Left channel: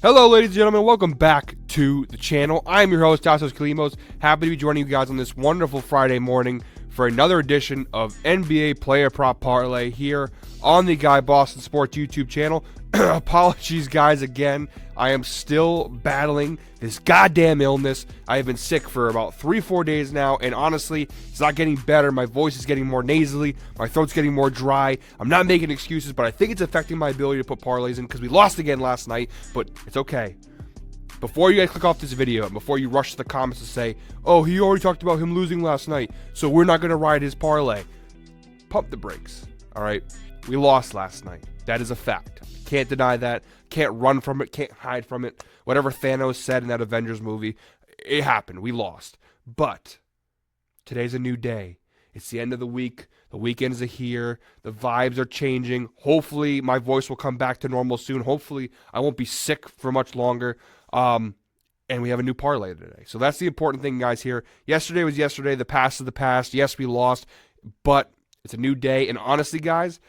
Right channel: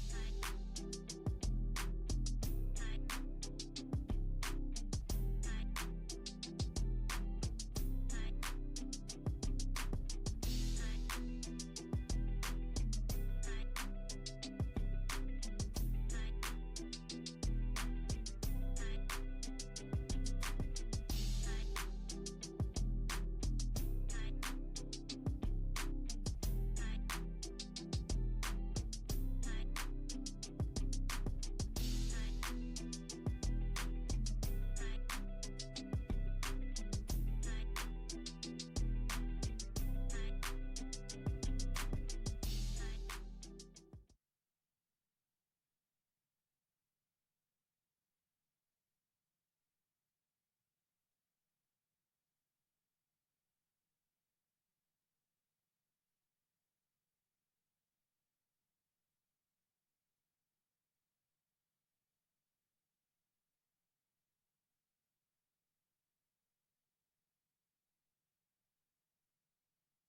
Hello, ladies and gentlemen. Welcome back to the channel. I'm your host, Tassos Kalimos. Happy to be joining you guys on this wonderful Friday morning for another edition of NBA Player Prop Parlay here on the Guy Boston Sports YouTube channel. Apologies, guys, again. I am still battling this goddamn illness. I have been sick for about 3-4 days now, and honestly, it's not getting better. My voice is getting more nasally. My throat's getting more dry. I'm not making excuses, but I think it's affecting my ability to put parlays in because we lost again last night, but it's okay. Before you guys click off this video, and before you rush to the comments to say, oh, he already talked about him losing last night, so we're not going to ride his parlay. Pump the brakes, all right? We lost last night. That is a fact. Can't deny that. Can't run from it. Can't hide from it. Whatever Thanos said in that Avengers movie, it happened. We lost. But today's a new day. It's the end of the week. The weekends are here. The vibes are changing. Hopefully, my voice will come back to normal soon. Hopefully, I won't be sick for much longer. And we have a new parlay today. So that's the important thing, guys, here. Yesterday was yesterday. The past is the past. Yes, we lost. But it's a new day. And honestly, guys,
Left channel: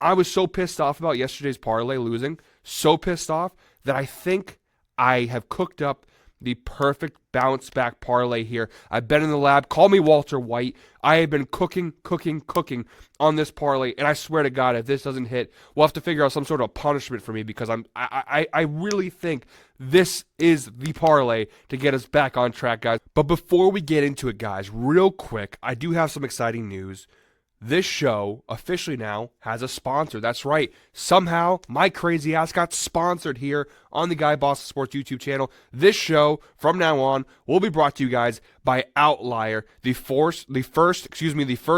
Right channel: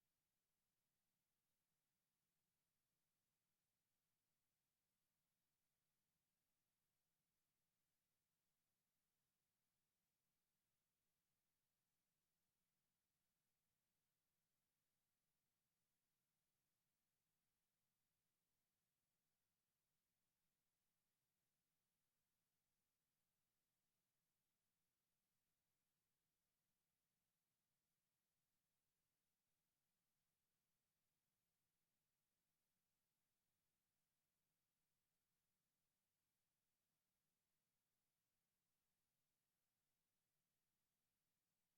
I was so pissed off about yesterday's parlay losing. So pissed off that I think I have cooked up the perfect bounce back parlay here. I've been in the lab. Call me Walter White. I have been cooking on this parlay, and I swear to God, if this doesn't hit, we'll have to figure out some sort of punishment for me because I really think this is the parlay to get us back on track, guys. But before we get into it, guys, real quick, I do have some exciting news. This show officially now has a sponsor. That's right. Somehow, my crazy ass got sponsored here on the Guy Boston Sports YouTube channel. This show, from now on, will be brought to you guys by Outlier, the first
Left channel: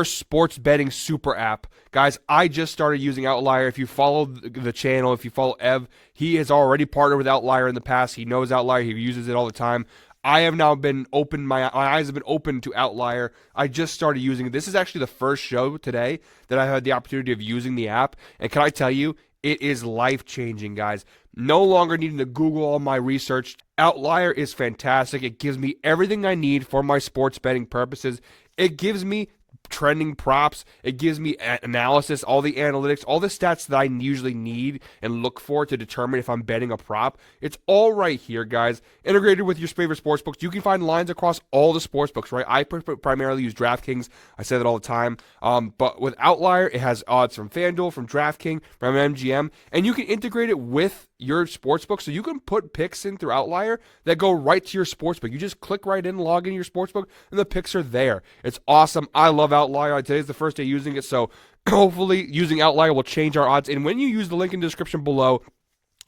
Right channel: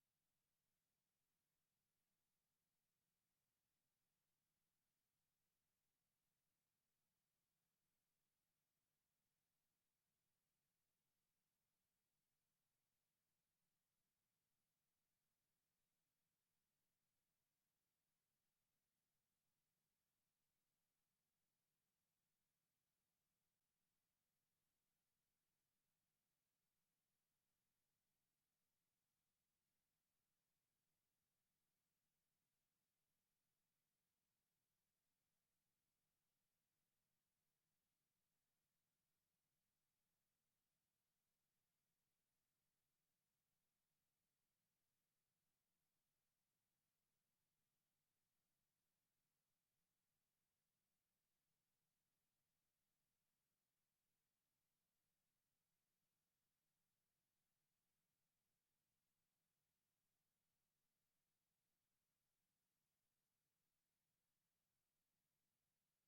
sports betting super app. Guys, I just started using Outlier. If you follow the channel, if you follow Ev, he has already partnered with Outlier in the past. He knows Outlier. He uses it all the time. I have now been open. My eyes have been open to Outlier. I just started using it. This is actually the first show today that I had the opportunity of using the app. And can I tell you, it is life-changing, guys. No longer needing to Google all my research. Outlier is fantastic. It gives me everything I need for my sports betting purposes. It gives me trending props. It gives me analysis, all the analytics, all the stats that I usually need and look for to determine if I'm betting a prop. It's all right here, guys. Integrated with your favorite sportsbooks. You can find lines across all the sportsbooks, right? I primarily use DraftKings. I say that all the time. But with Outlier, it has odds from FanDuel, from DraftKings, from MGM, and you can integrate it with your sportsbook, so you can put picks in through Outlier that go right to your sportsbook. You just click right in, log into your sportsbook, and the picks are there. It's awesome. I love Outlier. Today's the first day using it, so hopefully using Outlier will change our odds. And when you use the link in the description below,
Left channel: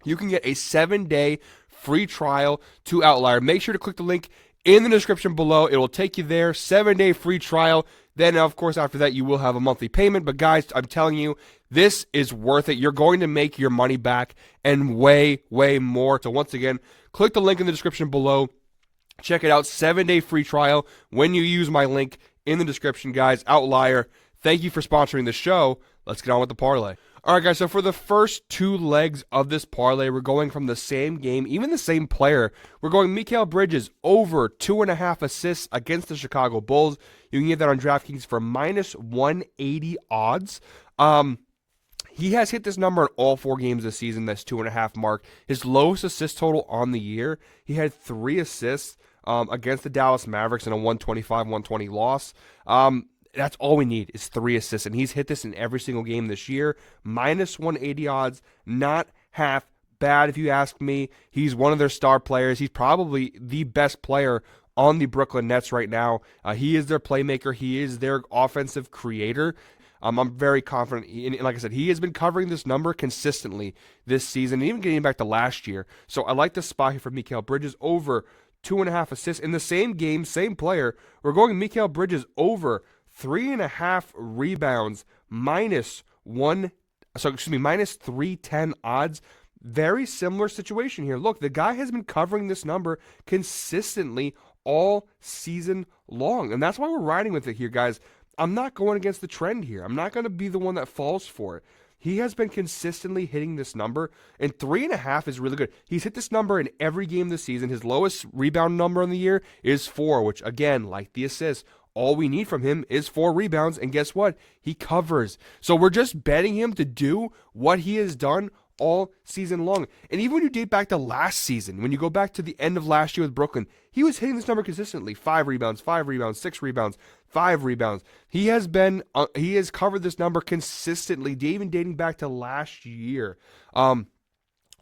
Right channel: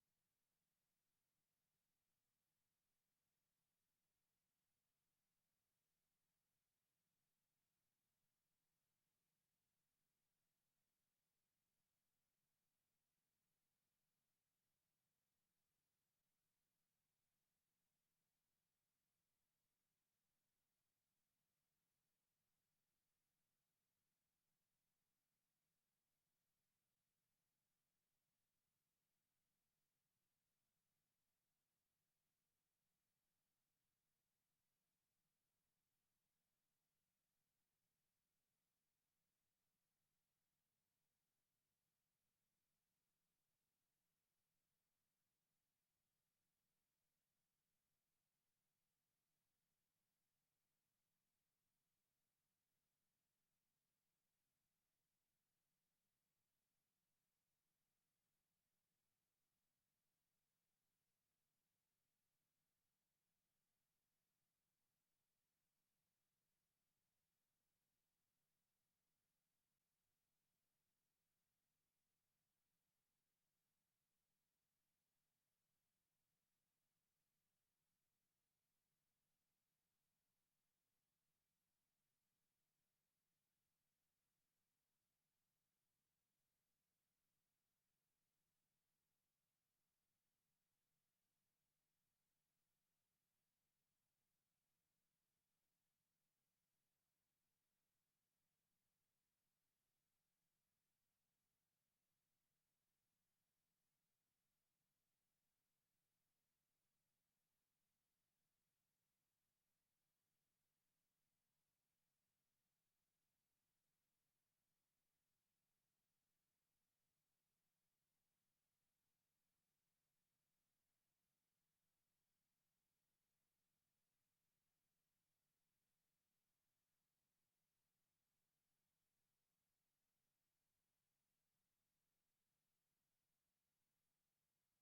you can get a 7-day free trial to Outlier. Make sure to click the link in the description below. It will take you there. 7-day free trial. Then, of course, after that, you will have a monthly payment. But, guys, I'm telling you, this is worth it. You're going to make your money back and way, way more. So, once again, click the link in the description below. Check it out. 7-day free trial when you use my link in the description, guys. Outlier, thank you for sponsoring the show. Let's get on with the parlay. All right, guys, so for the first two legs of this parlay, we're going from the same game, even the same player. We're going Mikal Bridges over 2.5 assists against the Chicago Bulls. You can get that on DraftKings for minus 180 odds. He has hit this number in all 4 games this season, that's 2.5 mark. His lowest assist total on the year, he had 3 assists against the Dallas Mavericks in a 125-120 loss. That's all we need is 3 assists, and he's hit this in every single game this year. Minus 180 odds, not half bad if you ask me. He's one of their star players. He's probably the best player on the Brooklyn Nets right now. He is their playmaker. He is their offensive creator. I'm very confident. And like I said, he has been covering this number consistently this season, even getting back to last year. So I like the spot here for Mikal Bridges over 2.5 assists. In the same game, same player, we're going Mikal Bridges over 3.5 rebounds, minus 310 odds. Very similar situation here. Look, the guy has been covering this number consistently all season long, and that's why we're riding with it here, guys. I'm not going against the trend here. I'm not going to be the one that falls for it. He has been consistently hitting this number, and 3.5 is really good. He's hit this number in every game this season. His lowest rebound number on the year is 4, which, again, like the assist, all we need from him is 4 rebounds, and guess what? He covers. So we're just betting him to do what he has done all season long. And even when you date back to last season, when you go back to the end of last year with Brooklyn, he was hitting this number consistently. 5 rebounds, 5 rebounds, 6 rebounds, 5 rebounds. He has covered this number consistently, even dating back to last year.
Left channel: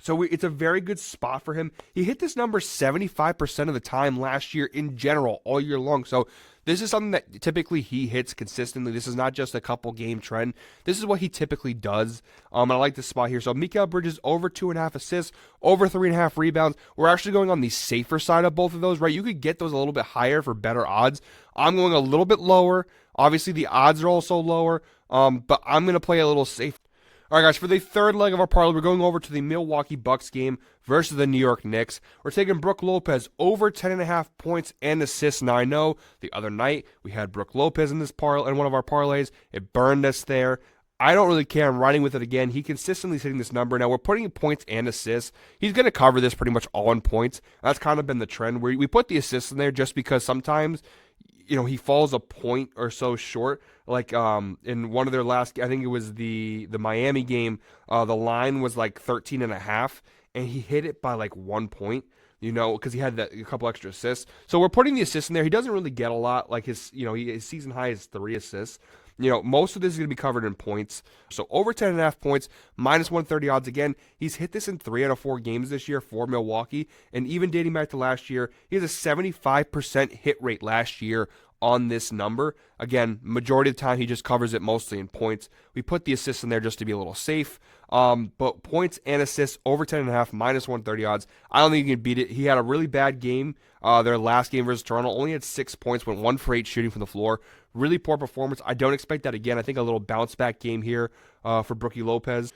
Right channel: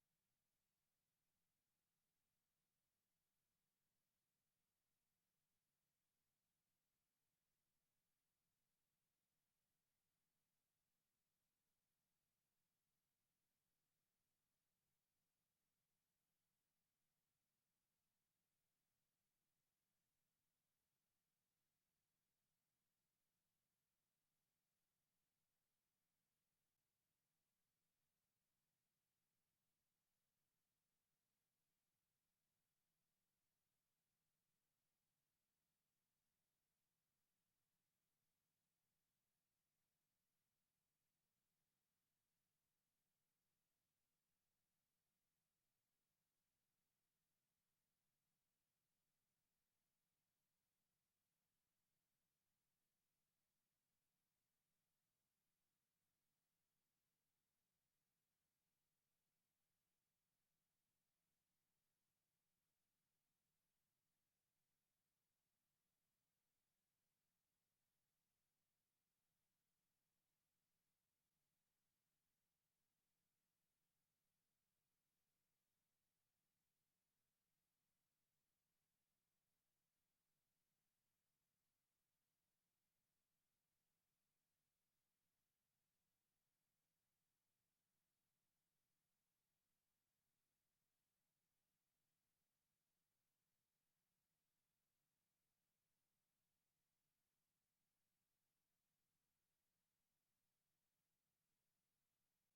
So it's a very good spot for him. He hit this number 75% of the time last year in general, all year long. So this is something that typically he hits consistently. This is not just a couple game trend. This is what he typically does. I like this spot here. So Mikal Bridges over 2.5 assists, over 3.5 rebounds. We're actually going on the safer side of both of those, right? You could get those a little bit higher for better odds. I'm going a little bit lower. Obviously, the odds are also lower, but I'm going to play a little safe. All right, guys, for the third leg of our parlay, we're going over to the Milwaukee Bucks game versus the New York Knicks. We're taking Brook Lopez over 10.5 points and assists. Now, I know the other night we had Brook Lopez in one of our parlays. It burned us there. I don't really care. I'm riding with it again. He consistently is hitting this number. Now, we're putting in points and assists. He's going to cover this pretty much all in points. That's kind of been the trend. We put the assists in there just because sometimes he falls a point or so short. Like in one of their last, I think it was the Miami game, the line was like 13.5, and he hit it by like 1 point, because he had a couple extra assists. So we're putting the assists in there. He doesn't really get a lot. Like his season high is 3 assists. Most of this is going to be covered in points. So over 10.5 points, minus 130 odds. Again, he's hit this in 3 out of 4 games this year for Milwaukee. And even dating back to last year, he has a 75% hit rate last year on this number. Again, majority of the time he just covers it mostly in points. We put the assists in there just to be a little safe. But points and assists over 10.5, minus 130 odds. I don't think you can beat it. He had a really bad game. Their last game versus Toronto, only had 6 points, went 1 for 8 shooting from the floor. Really poor performance. I don't expect that again. I think a little bounce back game here for Brookie Lopez.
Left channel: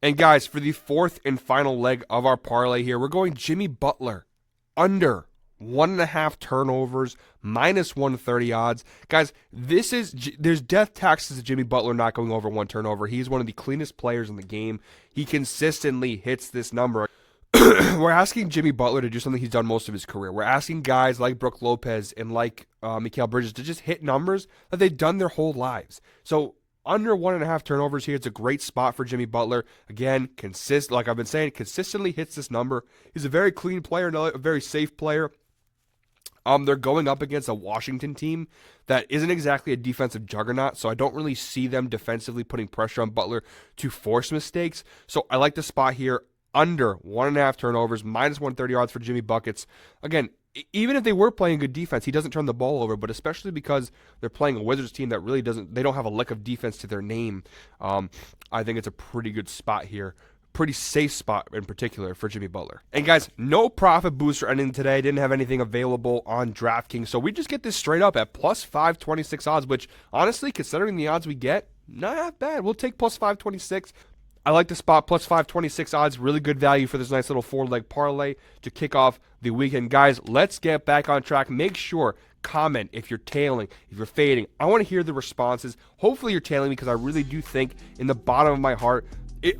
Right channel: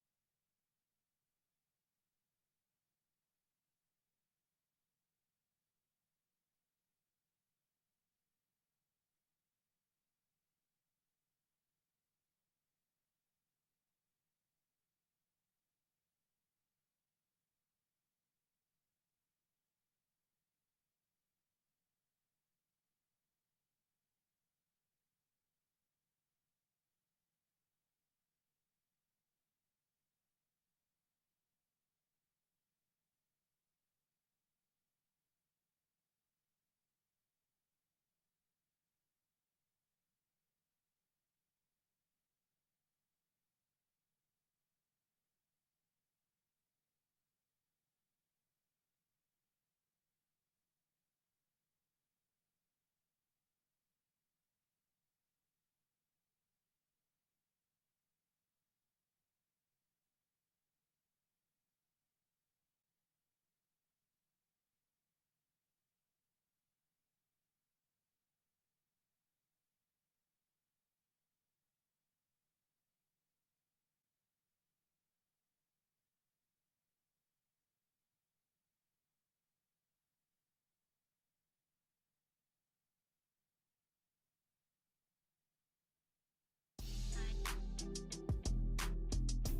And guys, for the fourth and final leg of our parlay here, we're going Jimmy Butler under 1.5 turnovers, minus 130 odds. Guys, there's death taxes to Jimmy Butler not going over 1 turnover. He's one of the cleanest players in the game. He consistently hits this number. We're asking Jimmy Butler to do something he's done most of his career. We're asking guys like Brook Lopez and like Mikal Bridges to just hit numbers that they've done their whole lives. So under 1.5 turnovers here, it's a great spot for Jimmy Butler. Again, like I've been saying, consistently hits this number. He's a very clean player, a very safe player. They're going up against a Washington team that isn't exactly a defensive juggernaut, so I don't really see them defensively putting pressure on Butler to force mistakes. So I like the spot here under 1.5 turnovers, minus 130 odds for Jimmy Buckets. Again, even if they were playing good defense, he doesn't turn the ball over, but especially because they're playing a Wizards team that really they don't have a lick of defense to their name. I think it's a pretty good spot here. Pretty safe spot in particular for Jimmy Butler. And guys, no profit booster ending today. Didn't have anything available on DraftKings, so we just get this straight up at plus 526 odds, which honestly, considering the odds we get, not bad. We'll take plus 526. I like the spot, plus 526 odds. Really good value for this nice little 4-leg parlay to kick off the weekend. Guys, let's get back on track. Make sure, comment if you're tailing, if you're fading. I want to hear the responses. Hopefully you're tailing because I really do think in the bottom of my heart,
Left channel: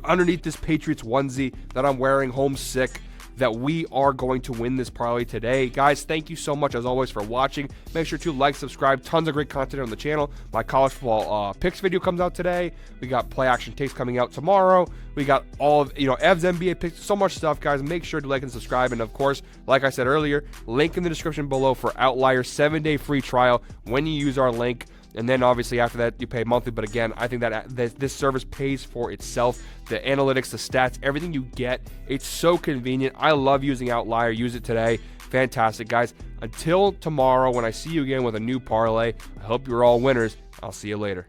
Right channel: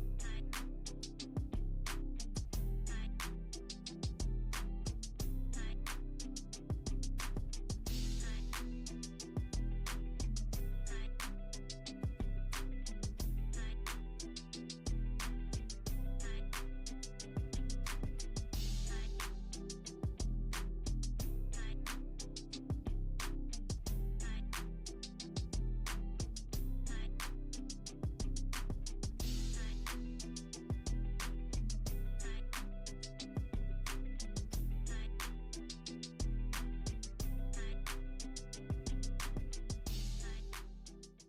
underneath this Patriots onesie that I'm wearing, homesick, that we are going to win this parlay today. Guys, thank you so much as always for watching. Make sure to like, subscribe. Tons of great content on the channel. My college football picks video comes out today. We got play action tapes coming out tomorrow. We got all of Ev's NBA picks. So much stuff, guys. Make sure to like and subscribe. And of course, like I said earlier, link in the description below for Outlier 7-day free trial when you use our link. And then obviously after that, you pay monthly. But again, I think that this service pays for itself. The analytics, the stats, everything you get, it's so convenient. I love using Outlier. Use it today. Fantastic, guys. Until tomorrow when I see you again with a new parlay, I hope you're all winners. I'll see you later.